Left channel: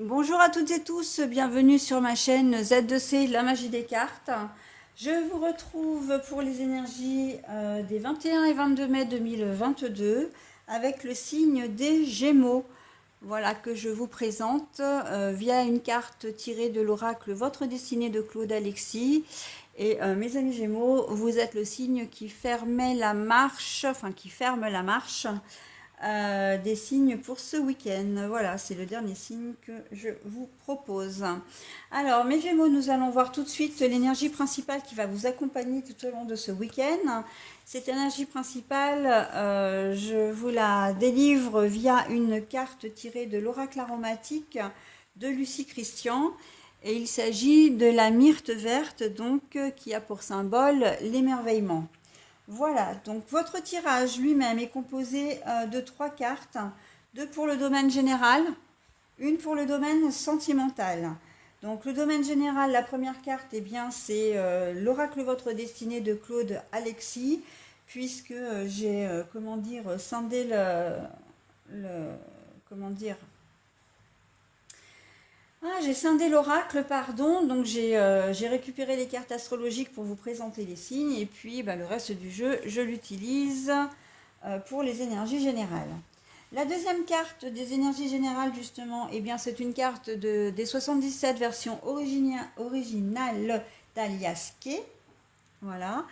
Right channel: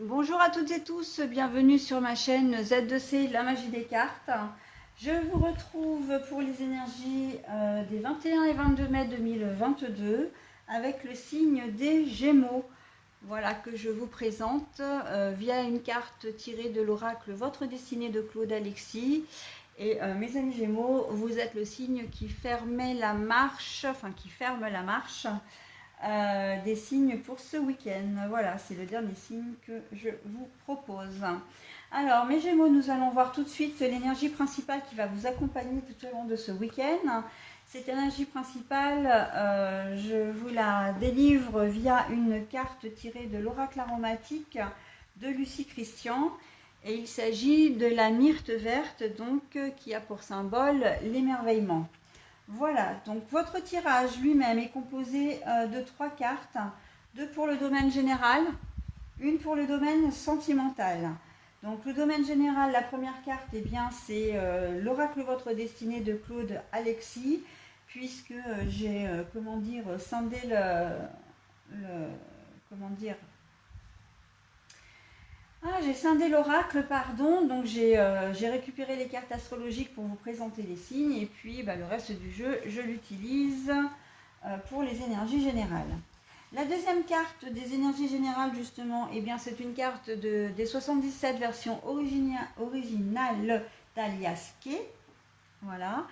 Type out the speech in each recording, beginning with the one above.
Bonjour à toutes et tous, bienvenue sur ma chaîne Z2C, la magie des cartes. Je vous retrouve pour les énergies des 21 et 22 mai 2022 avec le signe des Gémeaux. Voilà que je vous présente via une carte tirée de l'oracle Votre destinée de Claude Alexis. Et mes amis Gémeaux, vous êtes le signe qui fermait la marche, enfin qui ferme la marche des signes pour ce week-end. Voilà, c'est le dernier signe que je vous propose. Alors, mes Gémeaux, nous allons voir tout de suite l'énergie principale qui va vous accompagner tout au long de ce week-end. Cette énergie principale, je vous la délivre via une carte tirée de l'oracle aromatique de Lucie Christian. Et il s'agit de la myrte verte, donc, qui a pour symbole l'émerveillement. Voilà, donc votre tirage lui-même est composé de trois cartes, deux pour le domaine général, une pour le domaine sentimental. Donc le domaine général, la première carte, eh bien c'est l'oracle Votre destinée de Claude Alexis, puisque j'ai comment dire scindé le comment dire j'ai scindé l'oracle, pardon, donc j'ai récupéré les cartes astrologiques pour vous présenter les signes, et puis le reste du jeu, je l'utilise pour les énergies générales. La deuxième carte des énergies générales, justement, eh bien, c'est une carte des 77 versions originales d'Alias Kay. Voilà.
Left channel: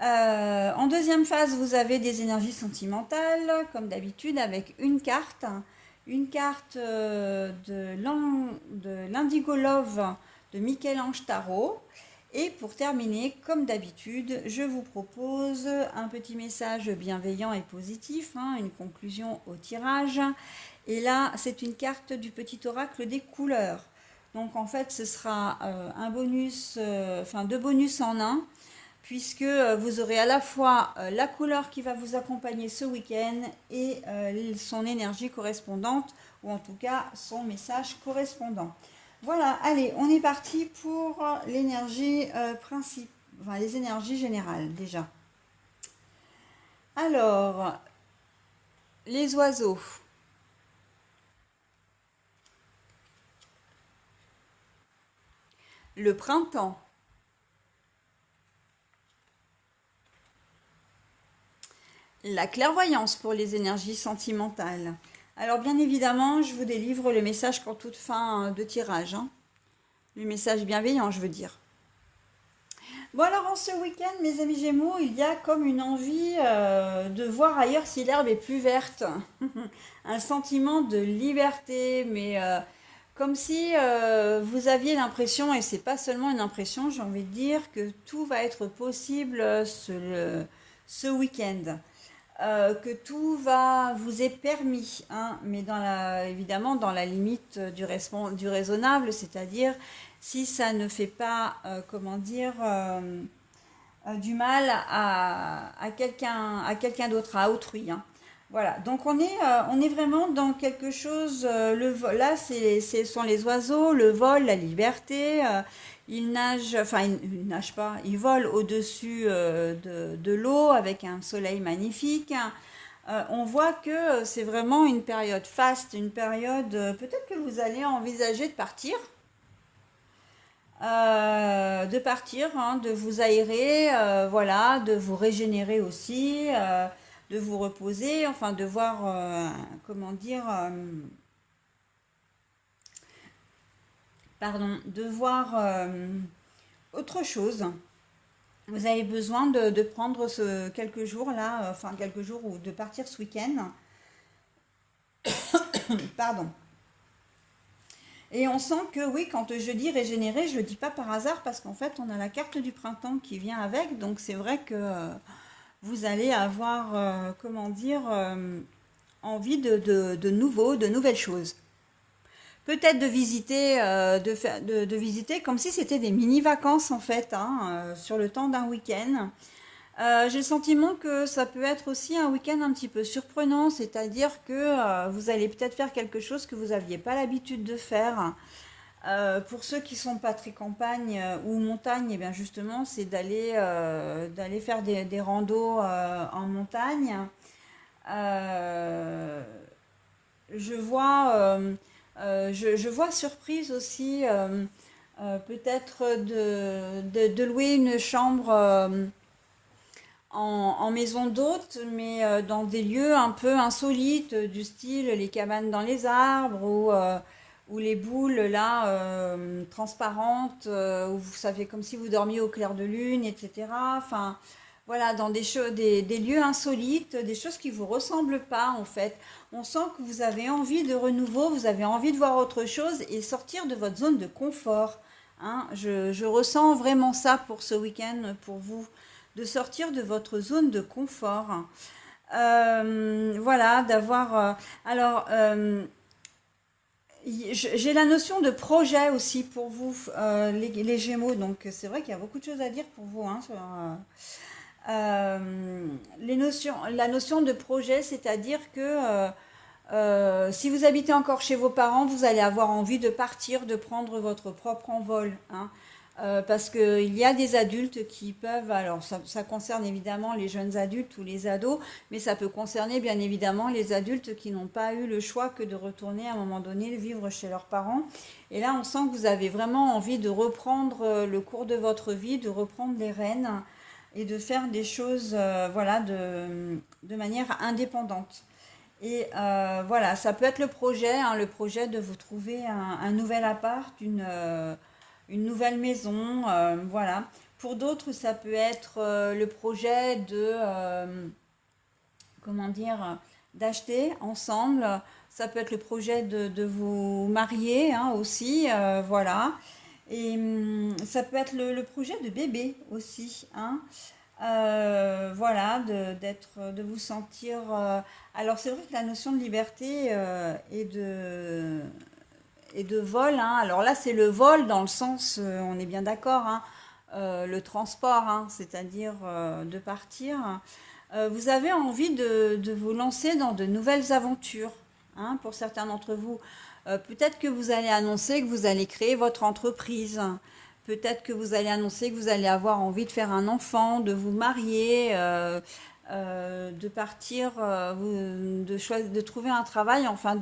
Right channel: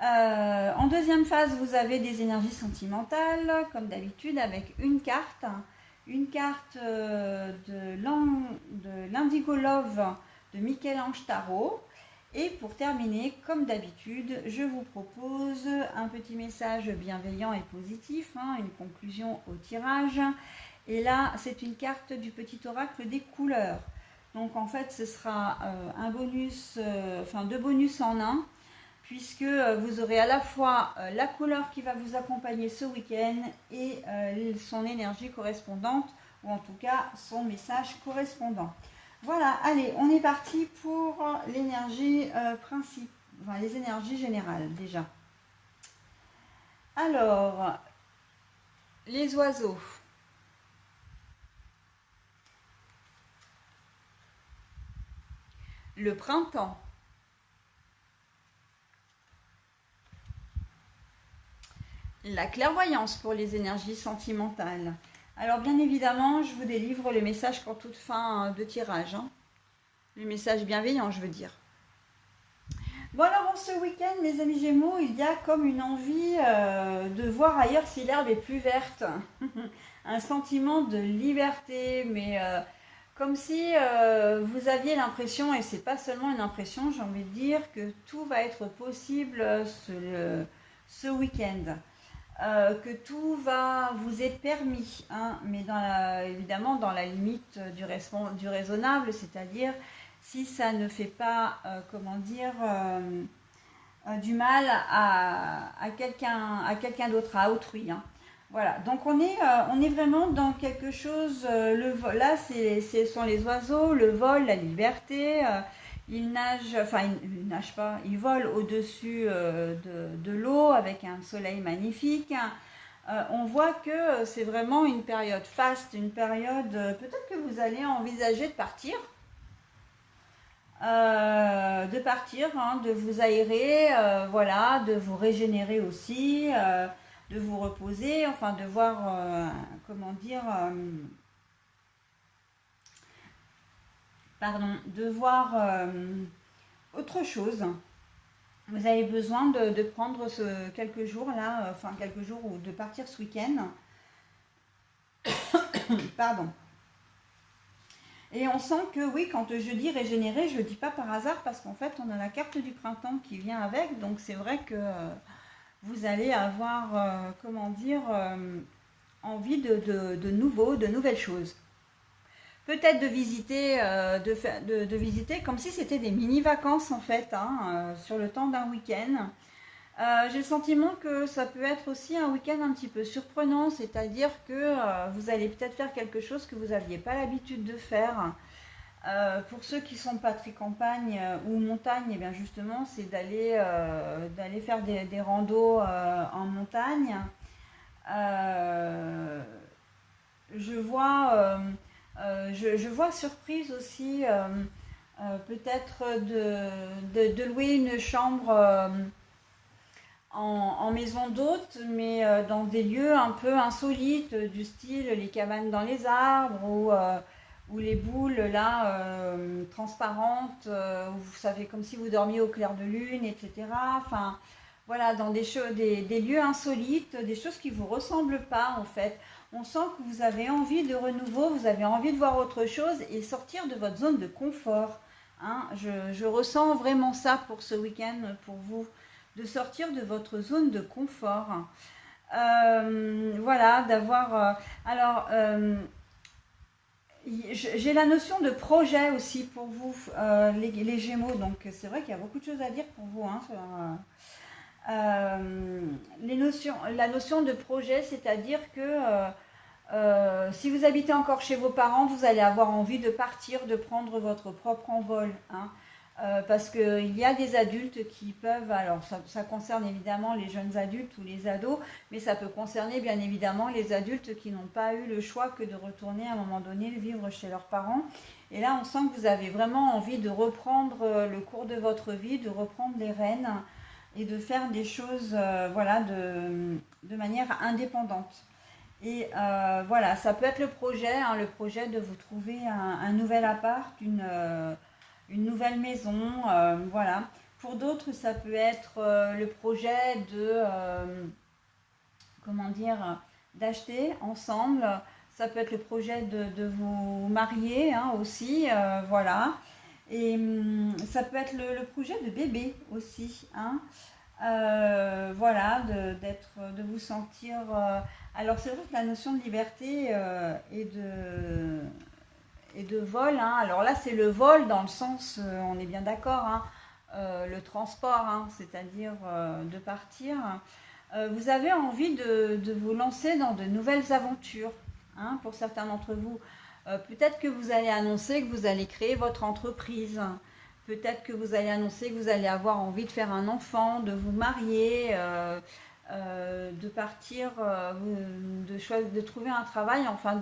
En deuxième phase, vous avez des énergies sentimentales, comme d'habitude, avec une carte de l'Indigo Love de Michel-Ange Tarot. Et pour terminer, comme d'habitude, je vous propose un petit message bienveillant et positif, une conclusion au tirage. Et là, c'est une carte du petit oracle des couleurs. Donc en fait, ce sera un bonus, enfin deux bonus en un puisque vous aurez à la fois la couleur qui va vous accompagner ce week-end et son énergie correspondante, ou en tout cas son message correspondant. Voilà, allez, on est parti pour l'énergie principale, enfin les énergies générales déjà. Alors, les oiseaux, le printemps, la clairvoyance pour les énergies sentimentales. Alors bien évidemment, je vous délivre le message pour toute fin de tirage, le message bienveillant, je veux dire. Bon alors en ce week-end, mes amis Gémeaux, il y a comme une envie de voir ailleurs si l'herbe est plus verte. Un sentiment de liberté, mais comme si vous aviez l'impression, et c'est pas seulement une impression, j'ai envie de dire, que tout va être possible ce week-end. Que tout va vous est permis, mais évidemment dans la limite du raisonnable, c'est-à-dire si ça ne fait pas, comment dire, du mal à quelqu'un d'autre, à autrui. Voilà, donc on est vraiment dans quelque chose, là ce sont les oiseaux, le vol, la liberté, ils nagent, enfin ils nagent pas, ils volent au-dessus de l'eau avec un soleil magnifique. On voit que c'est vraiment une période faste, une période, peut-être que vous allez envisager de partir, de vous aérer, voilà, de vous régénérer aussi, de vous reposer, enfin de voir, comment dire, pardon, de voir autre chose. Vous avez besoin de prendre quelques jours là, enfin quelques jours ou de partir ce week-end. Pardon. Et on sent que oui, quand je dis régénérer, je ne le dis pas par hasard parce qu'en fait, on a la carte du printemps qui vient avec. Donc c'est vrai que vous allez avoir, comment dire, envie de nouveaux, de nouvelles choses. Peut-être de visiter, de visiter comme si c'était des mini-vacances en fait, sur le temps d'un week-end. J'ai le sentiment que ça peut être aussi un week-end un petit peu surprenant, c'est-à-dire que vous allez peut-être faire quelque chose que vous n'aviez pas l'habitude de faire. Pour ceux qui sont pas très campagne ou montagne, et bien justement, c'est d'aller faire des randos en montagne. Euh, je vois Je vois surprise aussi, peut-être de louer une chambre en maison d'hôte, mais dans des lieux un peu insolites, du style les cabanes dans les arbres ou les boules là transparentes, où vous savez comme si vous dormiez au clair de lune, etc. Enfin, voilà, dans des lieux insolites, des choses qui vous ressemblent pas en fait. On sent que vous avez envie de renouveau, vous avez envie de voir autre chose et sortir de votre zone de confort. Hein. Je ressens vraiment ça pour ce week-end pour vous, de sortir de votre zone de confort. Voilà, d'avoir. Alors, j'ai la notion de projet aussi pour vous, les Gémeaux. Donc, c'est vrai qu'il y a beaucoup de choses à dire pour vous. Hein, la notion de projet, c'est-à-dire que si vous habitez encore chez vos parents, vous allez avoir envie de partir, de prendre votre propre envol. Hein. Parce qu'il y a des adultes qui peuvent, alors ça concerne évidemment les jeunes adultes ou les ados, mais ça peut concerner bien évidemment les adultes qui n'ont pas eu le choix que de retourner à un moment donné vivre chez leurs parents. Et là, on sent que vous avez vraiment envie de reprendre le cours de votre vie, de reprendre les rênes et de faire des choses voilà, de manière indépendante. Et voilà, ça peut être le projet, hein, le projet de vous trouver un nouvel appart, une nouvelle maison, voilà. Pour d'autres, ça peut être le projet comment dire, d'acheter ensemble. Ça peut être le projet de vous marier hein, aussi, voilà. Et ça peut être le projet de bébé aussi, hein. Voilà, de vous sentir. Alors c'est vrai que la notion de liberté et de vol, hein, alors là c'est le vol dans le sens, on est bien d'accord, hein, le transport, hein, c'est-à-dire de partir. Vous avez envie de vous lancer dans de nouvelles aventures, hein, pour certains d'entre vous. Peut-être que vous allez annoncer que vous allez créer votre entreprise. Peut-être que vous allez annoncer que vous allez avoir envie de faire un enfant, de vous marier, de partir, de trouver un travail, enfin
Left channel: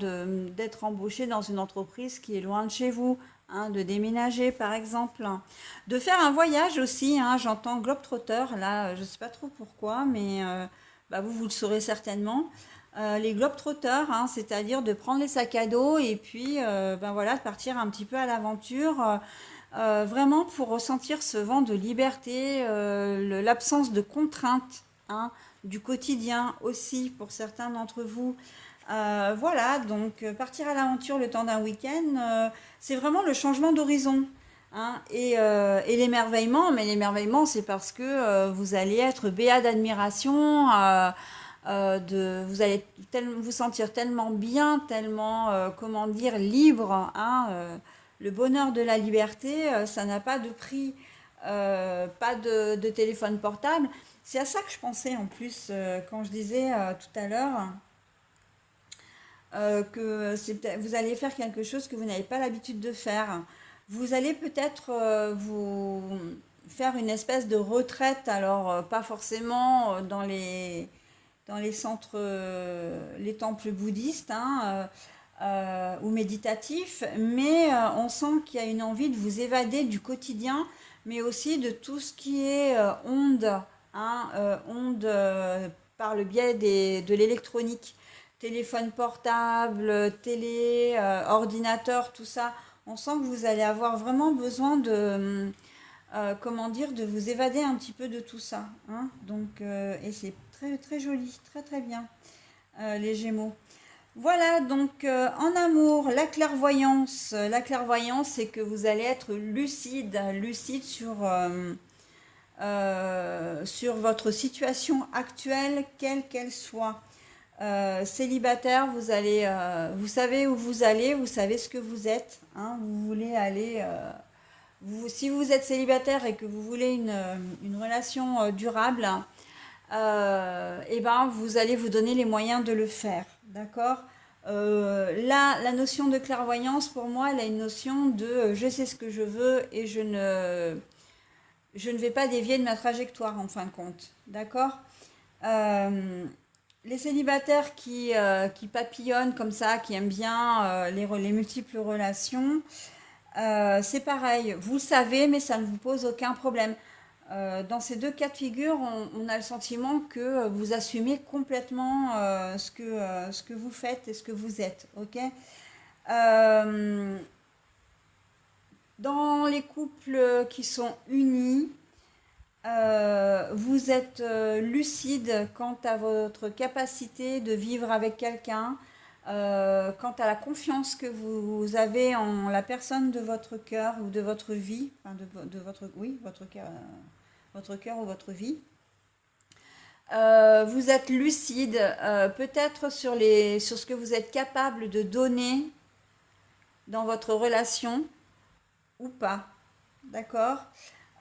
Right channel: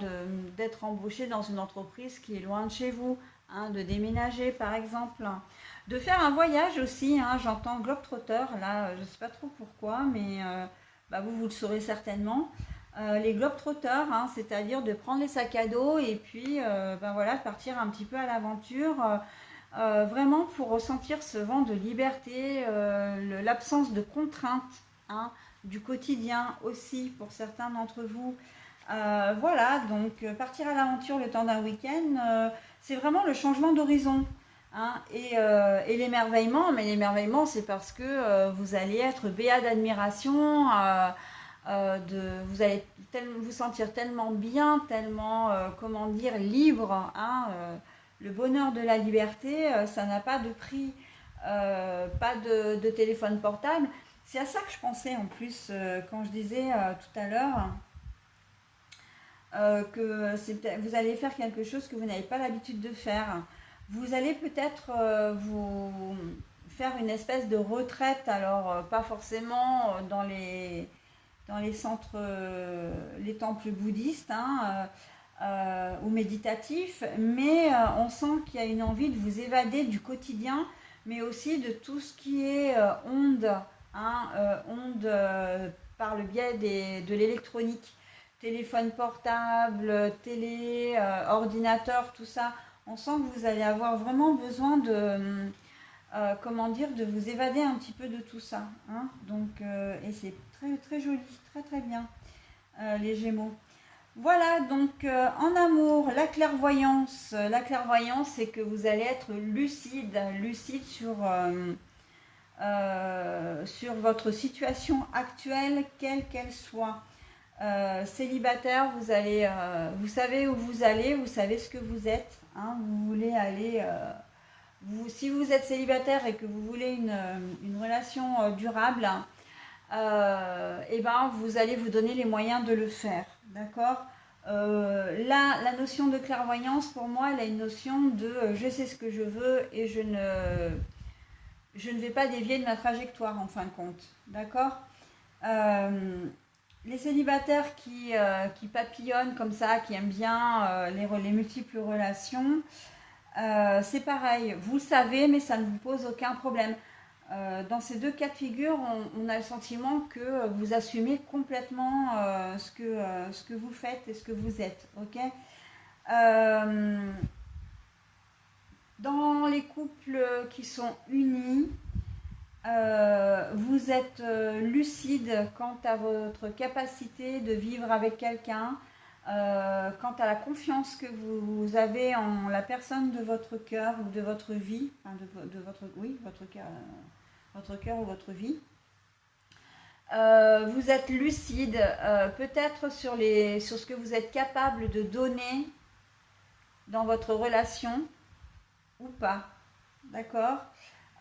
d'être embauché dans une entreprise qui est loin de chez vous, hein, de déménager par exemple. De faire un voyage aussi, hein, j'entends globetrotter, là, je ne sais pas trop pourquoi, mais bah, vous le saurez certainement. Les globetrotters, hein, c'est-à-dire de prendre les sacs à dos et puis ben voilà, de partir un petit peu à l'aventure, vraiment pour ressentir ce vent de liberté, l'absence de contraintes hein, du quotidien aussi pour certains d'entre vous. Voilà, donc partir à l'aventure le temps d'un week-end, c'est vraiment le changement d'horizon. Hein, et l'émerveillement, mais l'émerveillement, c'est parce que vous allez être béat d'admiration, vous allez vous sentir tellement bien, tellement, comment dire, libre. Hein, le bonheur de la liberté, ça n'a pas de prix, pas de téléphone portable. C'est à ça que je pensais en plus quand je disais tout à l'heure que vous allez faire quelque chose que vous n'avez pas l'habitude de faire. Vous allez peut-être vous faire une espèce de retraite, alors pas forcément dans les centres, les temples bouddhistes hein, ou méditatifs, mais on sent qu'il y a une envie de vous évader du quotidien, mais aussi de tout ce qui est onde, hein, onde par le biais de l'électronique, téléphone portable, télé, ordinateur, tout ça. On sent que vous allez avoir vraiment besoin comment dire, de vous évader un petit peu de tout ça. Hein. Donc, et c'est très, très joli, très, très bien, les Gémeaux. Voilà, donc en amour, la clairvoyance, c'est que vous allez être lucide, lucide sur votre situation actuelle, quelle qu'elle soit. Célibataire, vous savez où vous allez, vous savez ce que vous êtes. Hein, vous voulez aller, si vous êtes célibataire et que vous voulez une relation durable, et ben vous allez vous donner les moyens de le faire, d'accord. Là, la notion de clairvoyance, pour moi, elle a une notion de je sais ce que je veux et je ne vais pas dévier de ma trajectoire en fin de compte, d'accord. Les célibataires qui papillonnent comme ça, qui aiment bien les multiples relations, c'est pareil. Vous le savez, mais ça ne vous pose aucun problème. Dans ces deux cas de figure, on a le sentiment que vous assumez complètement ce que vous faites et ce que vous êtes. Ok. Euh, dans les couples qui sont unis, vous êtes lucide quant à votre capacité de vivre avec quelqu'un, quant à la confiance que vous avez en la personne de votre cœur ou de votre vie, enfin de votre, oui, votre cœur ou votre vie. Vous êtes lucide, peut-être sur ce que vous êtes capable de donner dans votre relation ou pas, d'accord?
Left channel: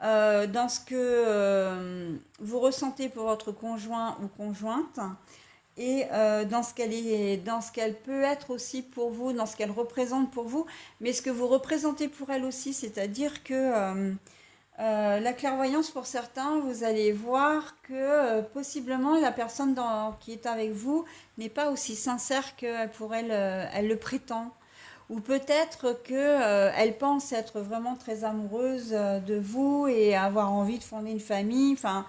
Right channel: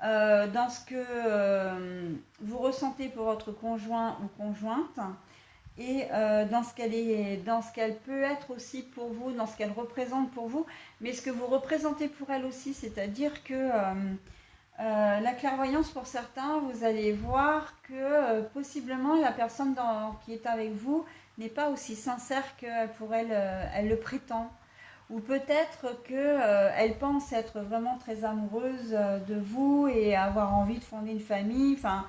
Dans ce que vous ressentez pour votre conjoint ou conjointe et dans ce qu'elle peut être aussi pour vous, dans ce qu'elle représente pour vous, mais ce que vous représentez pour elle aussi, c'est-à-dire que la clairvoyance pour certains, vous allez voir que possiblement la personne qui est avec vous n'est pas aussi sincère que pour elle, elle le prétend. Ou peut-être que elle pense être vraiment très amoureuse de vous et avoir envie de fonder une famille. Enfin,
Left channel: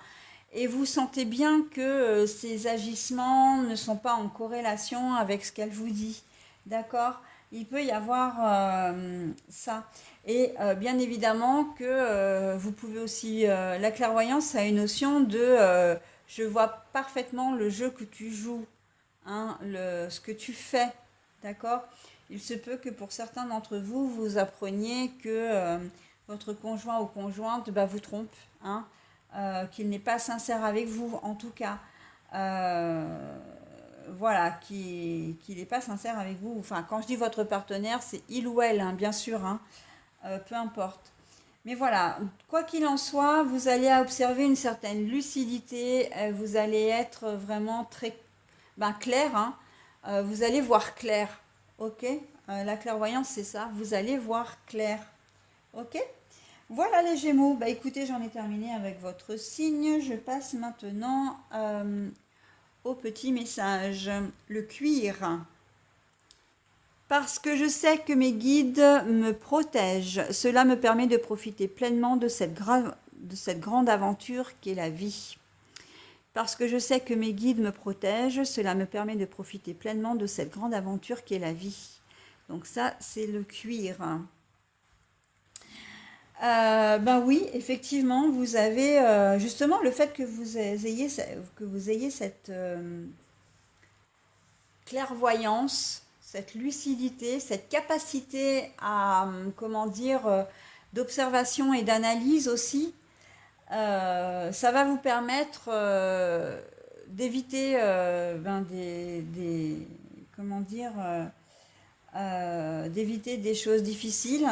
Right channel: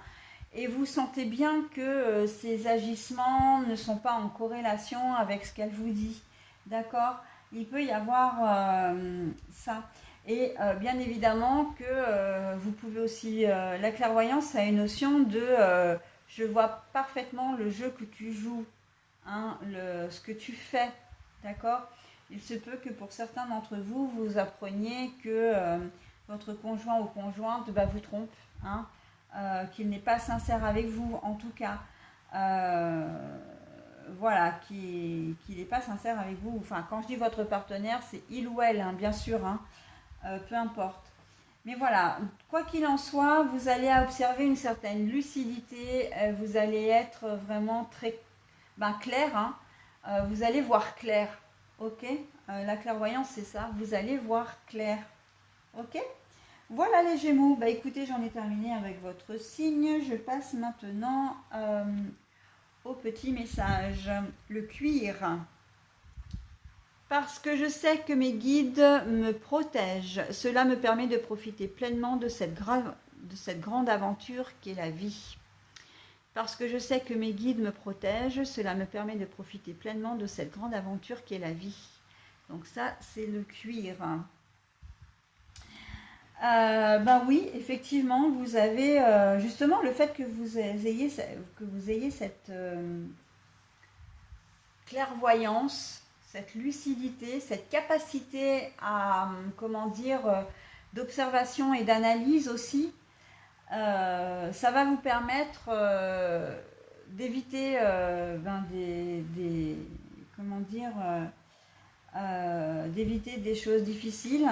et vous sentez bien que ces agissements ne sont pas en corrélation avec ce qu'elle vous dit. D'accord? Il peut y avoir ça. Et bien évidemment que vous pouvez aussi... la clairvoyance a une notion de... je vois parfaitement le jeu que tu joues, hein, ce que tu fais. D'accord? Il se peut que pour certains d'entre vous, vous appreniez que votre conjoint ou conjointe vous trompe, hein, qu'il n'est pas sincère avec vous, en tout cas. Voilà, qu'il n'est pas sincère avec vous. Enfin, quand je dis votre partenaire, c'est il ou elle, hein, bien sûr, hein, peu importe. Mais voilà, quoi qu'il en soit, vous allez observer une certaine lucidité, vous allez être vraiment très clair, hein, vous allez voir clair, ok. La clairvoyance, c'est ça, vous allez voir clair, ok. Voilà les Gémeaux, écoutez, j'en ai terminé avec votre signe, je passe maintenant au petit message, le cuir. Parce que je sais que mes guides me protègent, cela me permet de profiter pleinement de cette grande aventure qu'est la vie. Parce que je sais que mes guides me protègent, cela me permet de profiter pleinement de cette grande aventure qu'est la vie. Donc ça, c'est le cuir. Oui, effectivement, vous avez justement le fait que vous ayez cette clairvoyance, cette lucidité, cette capacité à, comment dire, d'observation et d'analyse aussi. Ça va vous permettre d'éviter comment dire, d'éviter des choses difficiles.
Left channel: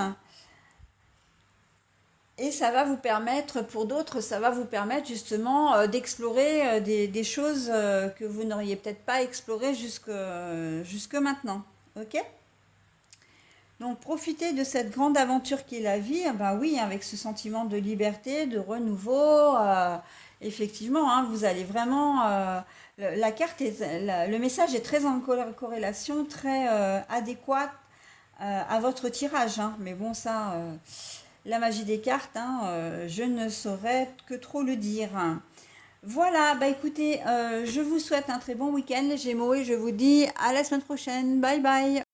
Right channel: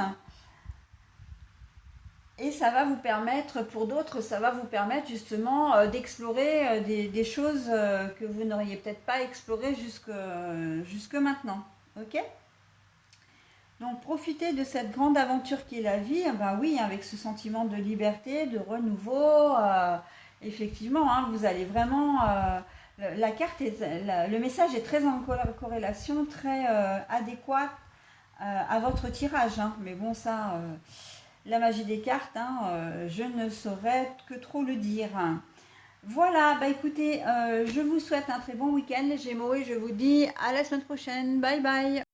Et ça va vous permettre, pour d'autres, ça va vous permettre justement d'explorer des choses que vous n'auriez peut-être pas explorées jusque maintenant. Ok? Donc profitez de cette grande aventure qui est la vie, oui, avec ce sentiment de liberté, de renouveau. Effectivement, hein, vous allez vraiment... la carte le message est très en corrélation, très adéquat à votre tirage, hein. Mais bon, ça, la magie des cartes, hein, je ne saurais que trop le dire. Voilà, écoutez, je vous souhaite un très bon week-end les Gémeaux et je vous dis à la semaine prochaine. Bye bye.